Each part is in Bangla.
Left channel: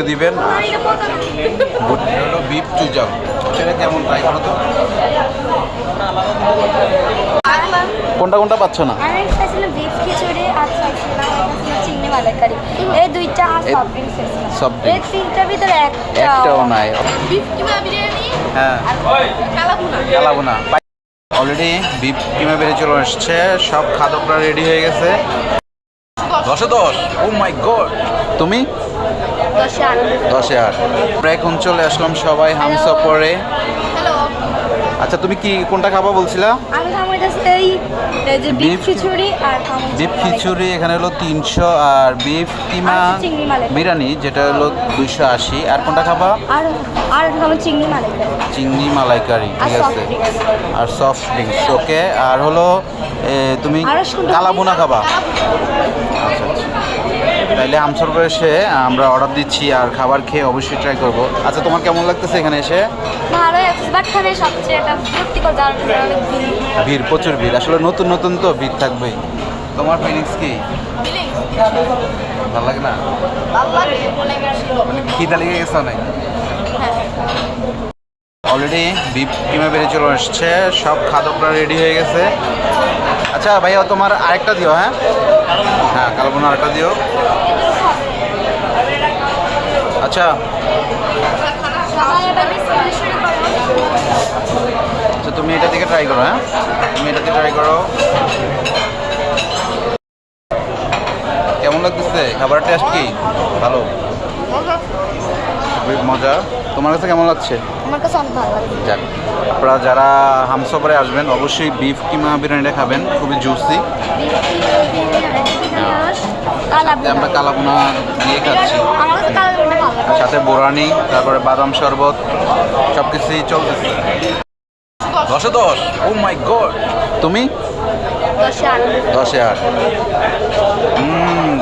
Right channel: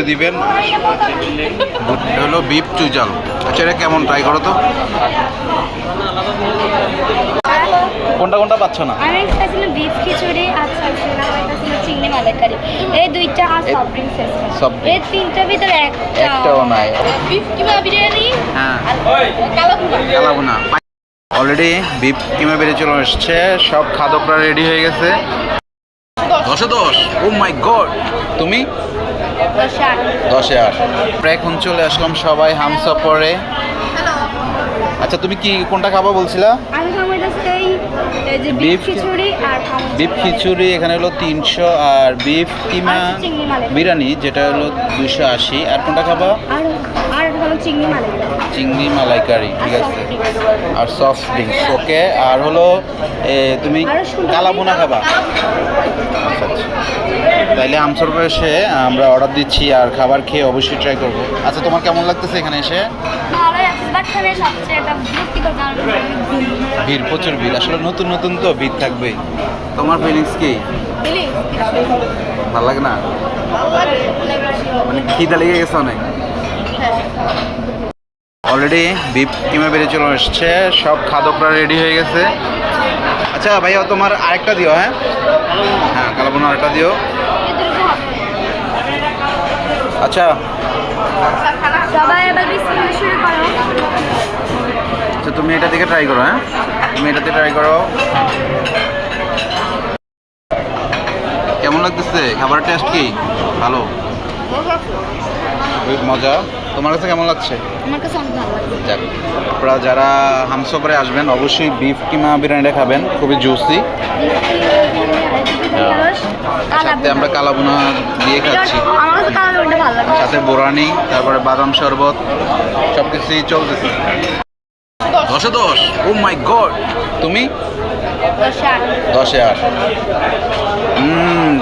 রিভিউ দিবেন। হলো বিফ চুইজাল। আচ্ছা এটা কেমন, ট্রাই করো তো। কোনটা কোনটা পাচ্ছ না? আমি খাইছিলাম বিফ খিচুড়ি আর খাইছিলাম চিংড়ি মালাইকারি। এই দুইটা সব ড্রিঙ্কস আছে। সব এই তিনটার ভিতরে একটাও নাই। বিফ কিমা বিরিয়ানি হ্যাঁ, কালাভুনা। কালাভুনা অলরেডি বিফ কিমা বেরিয়ে চলে আসছে। সব খাদকরা রেডি হয়ে গেছে। 10-এ 10। ও মাই গড। তুমি 10-এ 8। আমরা এখন চলে আসলাম সবাই হামসফরে। হ্যালো। আচ্ছা তুমি কি কোনটা খাবা বলছিলা? আমি খাইতেছি এই যে বিফ খিচুড়ি আর বিফ খিচুড়ি এখানে হলো 300, আর বিফ কিমা বিরিয়ানি যেটা হলো 280। আর কোনটা খাবা? আর চিংড়ি মালাই। চিংড়ি মালাইকারি, ঠিক আছে। আর সফট ড্রিঙ্কস, ওকে। আর হলো তুমি কালাভুনা খাবা? আচ্ছা আচ্ছা, তাইলে আমসরবে এসে আমরা অর্ডার দিচ্ছি আর খাবার খেয়ে অবশ্যই ট্রাই করবো। আচ্ছা তোমার কেমন লাগতেছে এখানে এসে? ভিড়, প্রচুর ভিড়। আসলে নতুন নতুন তো ভিড় থাকবেই। তোমার ফিলিংস কি? ভালো লাগে না? মানে খিদা লেগে গেছে অনেক। অলরেডি বিফ কিমা বেরিয়ে চলে আসছে। সব খাদকরা রেডি হয়ে গেছে। আচ্ছা ভাইয়া তোমার আরেকটা দিও। হ্যাঁ হ্যাঁ, কালাভুনা আরেকটা দিও। আচ্ছা আচ্ছা, তুমি এটা থেকে ট্রাই করো। হ্যাঁ তুমি এটাতে ট্রাই করো। কেমন লাগতেছে খাবারের টেস্ট? কি ভালো, খুবই মজা। তোমার কাছে কেমন লাগছে? আমার কাছে অনেক ভালো লাগে। যাক, আপনারা যারা হামসফরে আসবেন অবশ্যই বিফ কিমা বিরিয়ানিটা খাবেন, খুবই জুসি। সাথে আমরা কালাভুনা দিয়ে খাচ্ছি, আমার কাছে কালাভুনাটা ভালো লাগে। সাথে বোরানি, তারপরে বাদাম শরবত, সব কিছুই চলতেছে। 10-এ 10। ও মাই গড। তুমি 10-এ 8।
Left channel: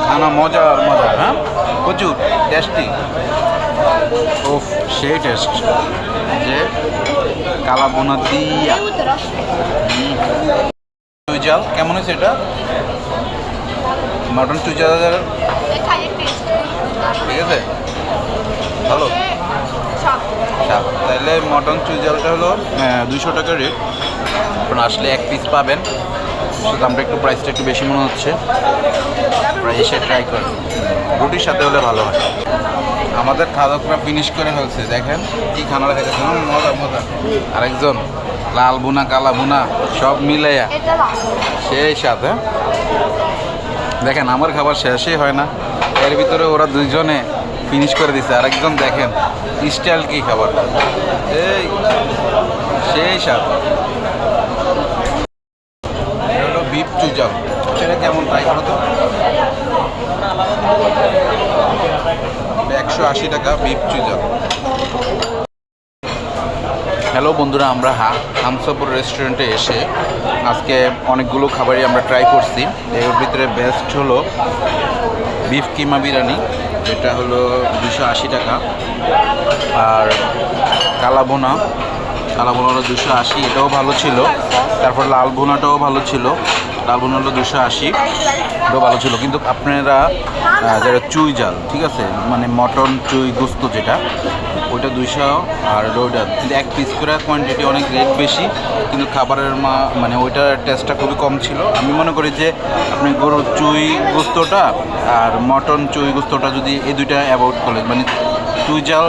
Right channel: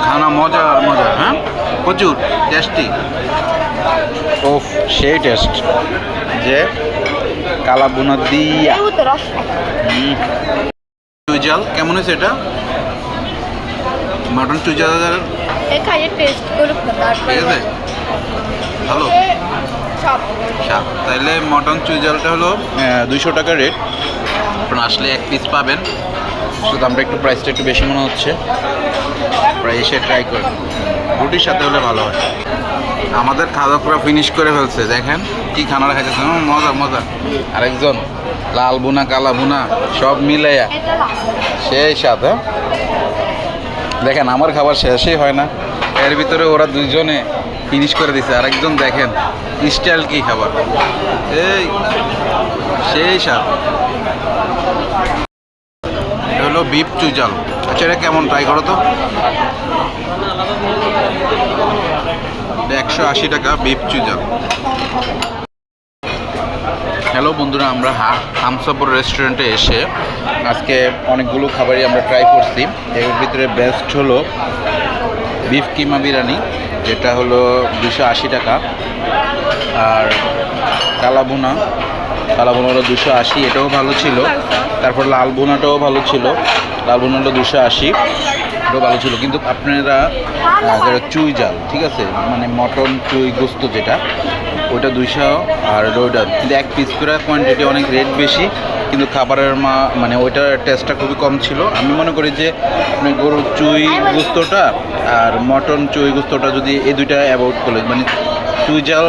খানা মজার মজা। হ্যাঁ প্রচুর টেস্টি। ওফ, সেই টেস্ট যে কালাভুনা দিয়া। চুইজাল কেমন হয়েছে এটা? মাটন চুইজাল ঠিক আছে, ভালো স্বাদ। তাইলে মটন চুইজালটা হলো 200 টাকা রেট। আপনারা আসলে এক পিস পাবেন। শুধু আমরা একটু প্রাইসটা একটু বেশি মনে হচ্ছে। প্রায় এসে ট্রাই করেন, রুটির সাথে হলে ভালো হয়। আমাদের খাদকরা ফিনিশ করে ফেলছে, দেখেন কি খানা খাইতেছে। মজা মজা। আরেকজন লাল বুনা কালা বুনা সব মিলাইয়া সেই সাথে। দেখেন আমার খাবার শেষই হয় না, এর ভিতরে ওরা দুইজনে ফিনিশ করে দিছে। আরেকজন দেখেন স্টাইল কি খাবার, এই সেই স্বাদ। হলো বিফ চুইজাল। আচ্ছা এটা কেমন, ট্রাই করো তো। 180 টাকা বিফ চুইজাল। হ্যালো বন্ধুরা, আমরা হামসফর রেস্টুরেন্টে এসে আজকে অনেকগুলো খাবারই আমরা ট্রাই করছি। এর ভিতরে বেস্ট হলো বিফ কিমা বিরিয়ানি, যেটা হলো 280 টাকা। আর কালাভুনা হলো 280, এটাও ভালো ছিল। তারপর লাল ভুনাটাও ভালো ছিল, লাল ভুনা হলো 280, এটাও ভালো ছিল। কিন্তু আপনারা যারা চুই জাল, ঠিক আছে, মানে মটন চুই গোস্ত যেটা, ওইটা 200 আর ওইটা কিন্তু এক পিস করে কোয়ান্টিটি অনেক রেট বেশি, কিন্তু খাবারের মানে ওইটার টেস্টটা খুবই কম ছিল। আমি মনে করি যে আপনি গরুর চুই গোস্তটা আর মটন চুই গোস্তটা যদি এই দুইটা অ্যাভয়েড করলে, মানে চুই জাল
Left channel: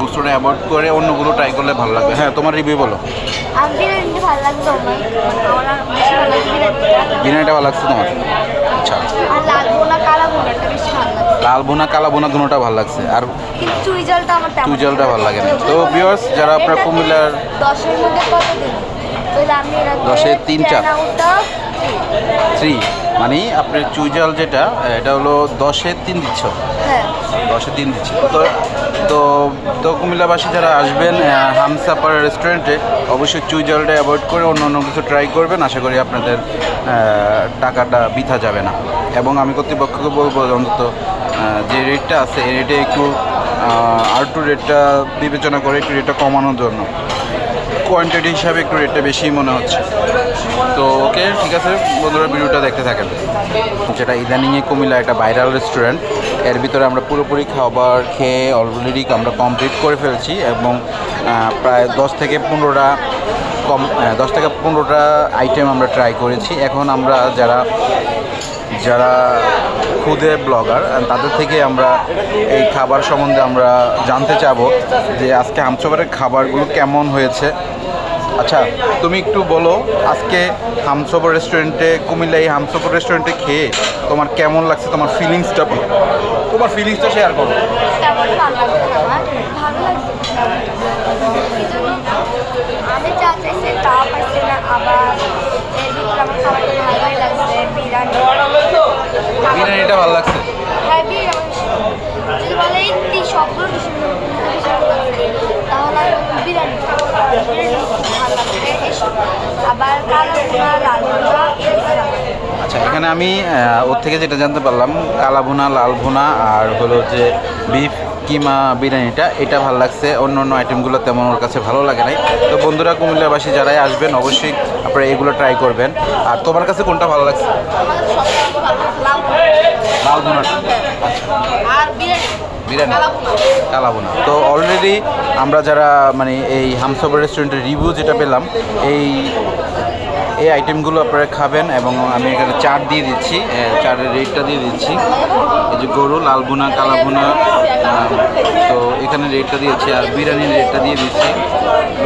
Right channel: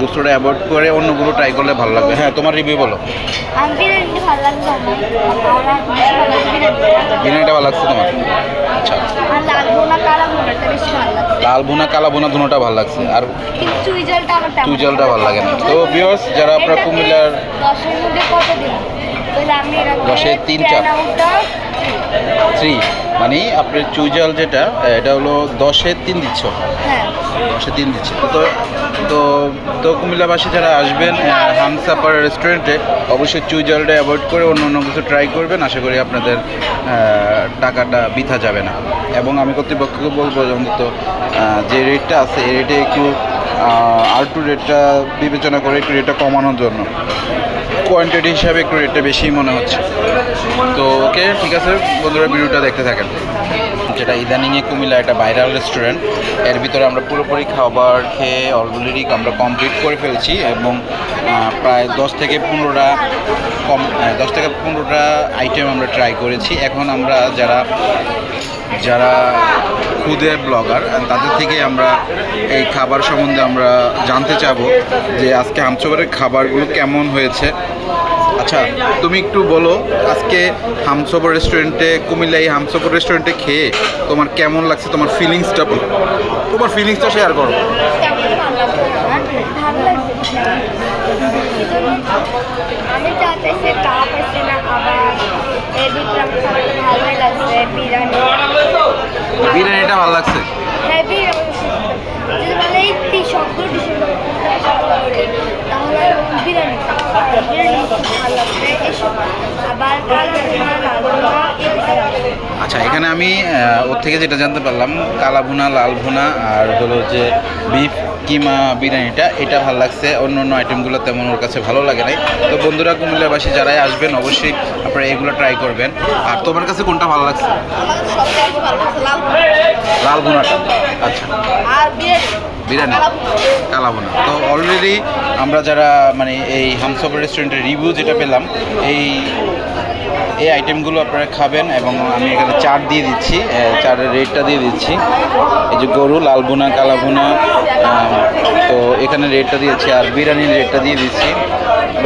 গোস্তটা অ্যাভয়েড করে অন্যগুলো ট্রাই করলে ভালো লাগবে। হ্যাঁ তোমার রিভিউ বলো। বিরিয়ানিটা ভালো লাগছে তোমার? আচ্ছা, লাল ভুনা কালা ভুনা দুটোটা ভালো লাগছে, আর চুই জালটা ভালো লাগে না। তো ভিউয়ার্স, যারা আপনার কুমিল্লার 10-এর মধ্যে কত দিবেন? 10-এ 3 3, মানে আপনার চুইজাল যেটা, এটা হলো 10-এ 3 দিচ্ছ। হ্যাঁ 10-এ 3 দিচ্ছি। তো তো তো কুমিল্লাবাসী যারা আসবেন হামসাফার রেস্টুরেন্টে অবশ্যই চুইজালটা অ্যাভয়েড করে অন্য অন্য কিছু ট্রাই করবেন। আশা করি আপনাদের টাকাটা বৃথা যাবে না। এবং আমি কর্তৃপক্ষকে বলবো অন্তত যে রেটটা আছে এই রেটে একটু আর একটু রেটটা বিবেচনা করে একটু রেটটা কমানোর জন্য। কোয়ান্টিটি হিসাবে একটু রেটটা বেশি মনে হচ্ছে। তো ওকে, ঠিক আছে বন্ধুরা, ভিডিওটা দেখতে থাকেন। যেটা ইদানিংয়ে কুমিল্লা একটা ভাইরাল রেস্টুরেন্ট, এর ভিতরে আমরা পুরোপুরি খাবার খেয়ে অলরেডি আমরা কমপ্লিট করে ফেলছি এবং প্রায় 10 থেকে 15টা আইটেম আমরা ট্রাই করেছি। এখন আমরা যারা খুদে ব্লগার তাদের থেকে আমরা এই খাবার সম্বন্ধে আমরা জানতে চাবো যে আজকে হামসফরের খাবারগুলো কেমন হয়েছে। আচ্ছা, তুমি একটু বলো আজকে হামসফর রেস্টুরেন্টে, কুমিল্লা এই হামসফর রেস্টুরেন্টে খেয়ে তোমার কেমন লাগছে, তোমার ফিলিংসটা বলো, তোমার ফিলিংসটা শেয়ার করো। তেমন ভালো লাগছে না আমার, ভালো লাগছে। আমি যা চাইছি তাও পাইছি না, আবার এর ভিতরে আমার খাবারটা ভালোই লাগছে। বিরিয়ানিটা ভালো লাগছে? হ্যাঁ, বিরিয়ানি যদি বলে এই সবগুলো ডিশের কোনটা বেশি ভালো লাগছে, তাহলে বিরিয়ানি খুব ভালো লাগছে। এসব আবার কালো ভুনা, লাল ভুনা এগুলো ভালো লাগে। আচ্ছা, এখানে আমি ওর থেকে যেটা জানতে পারলাম, কালা ভুনা, লাল ভুনা আর হলো যে বিফ কিমা বিরিয়ানিটা, এটা ভালো লাগছে। অন্য অন্য আইটেমগুলো তেমন ওর কাছে ভালো লাগে নাই। তো বন্ধুরা, কুমিল্লাবাসী যারাই আসবেন অবশ্যই আপনারা এগুলো ট্রাই করবেন। আর তোমার কাছে কোনটা ভালো লাগছে? লাল ভুনা। আচ্ছা, আর বিরিয়ানি, কালা ভুনা। তো অলরেডি আমরা যারা মানে এই হামসফর রেস্টুরেন্টের রিভিউ যেটা পেলাম, এই আইটেমগুলো আপনারা খাবেন এবং আমি এখানে চাট দিয়ে দিচ্ছি, চাটের রেটটা দিয়ে দিচ্ছি। এই যে গরু, লাল ভুনা, কালা ভুনা, তো এখানে রেটটা দিয়েছি আর বিরিয়ানির রেটটা দিয়ে দিচ্ছি,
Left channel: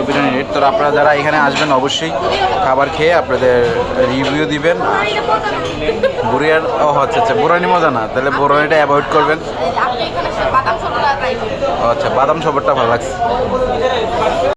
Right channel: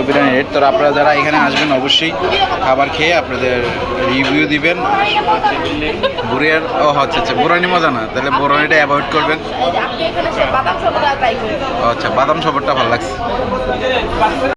বিরিয়ানির রেট। তো আপনারা যারা এখানে আসবেন অবশ্যই খাবার খেয়ে আপনাদের রিভিউ দিবেন। বুড়িয়ার আচ্ছা, বুরানি মজা না, তাহলে বুরানিটা অ্যাভয়েড করবেন। আচ্ছা, বাদাম শরবতটা ভালো লাগছে।